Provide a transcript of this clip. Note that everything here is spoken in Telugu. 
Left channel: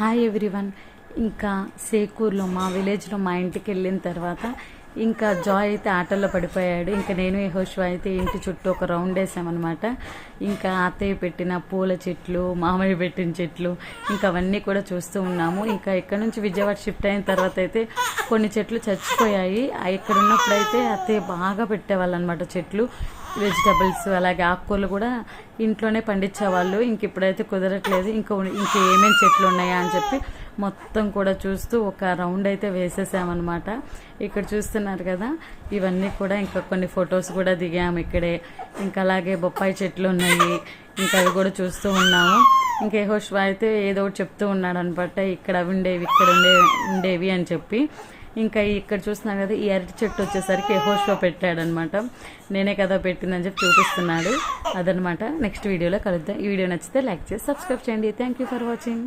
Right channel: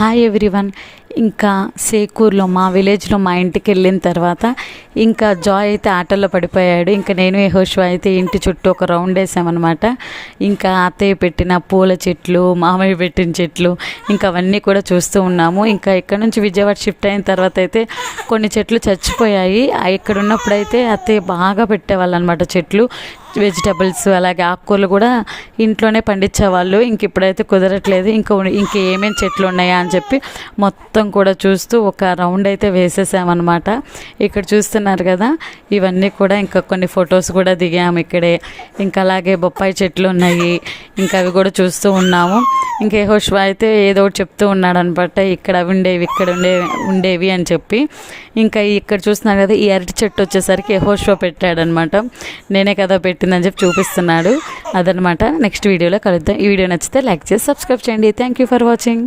Hi everyone. ఇంకా సేకూర్లో మా విలేజ్లో మా ఇంటికి వెళ్ళిన తర్వాత ఇంకా జాయ్ అయితే ఆటల్లో పడిపోయాడు. ఇంకా నేను యెహోషువ అయితే ఇంటి చుట్టూ ఒక రౌండ్ వేసామన్నమాట. ఇంకా అత్తయ్య పెట్టిన పూల చెట్లు, మామయ్య పెట్టిన చెట్లు, ఇంకా అవన్నీ కూడా చూస్తూ ఉన్నాము. ఇంకా ఇక్కడ నుంచి విజయవాడ షిఫ్ట్ అయిన తర్వాత అయితే కొన్ని చెట్లు చచ్చిపోయాయి. ఇక్కడ ఉన్నప్పుడైతే అత్తయ్య బాగా పెట్టేవాళ్ళు అనమాట చెట్లు, వెజిటబుల్స్, అలాగే ఆకుకూరలు కూడా ఇంట్లోనే పండించేవాళ్ళు. ఇంక ఇప్పుడైతే కుదరట్లేదు. ఇంకా ఏమేమి చెట్లు ఉన్నాయా అని చెప్పి మొత్తం కూడా చూస్తూ ఒక రౌండ్ అయితే వేసేసామన్నమాట. ఇక్కడ చూస్తున్నారు కదా, ఇవన్నీ కూడా ఇంకా కొన్ని ఫొటోస్ కూడా దిగాము ఇక్కడే. ఇంకా అలాగే బొప్పాయి చెట్లు ఉన్నాయి, ఇంకా అవి కూడా చూస్తూ ఉన్నాము. ఇంకా యెహోషువ అయితే ఏదో ఒకటి చెప్తూ ఉన్నాడు అనమాట, ఇక్కడ అవి ఉండేవి, ఇక్కడ ఉండేవి అని చెప్పి. ఇంకా ఇక్కడ చూస్తున్నారు కదా, ఈ అరటి చెట్టు వచ్చేసరికి యెహోషువ పెట్టాడనమాట. నేనే కదా పెట్టిందని చెప్పి చూపిస్తున్నాడు. అదనమాట. నెక్స్ట్ వీడియోలో కలుద్దాం. ఈ వీడియో నచ్చితే లైక్ చేసి సబ్స్క్రైబ్ చేయండి. Thank you for watching.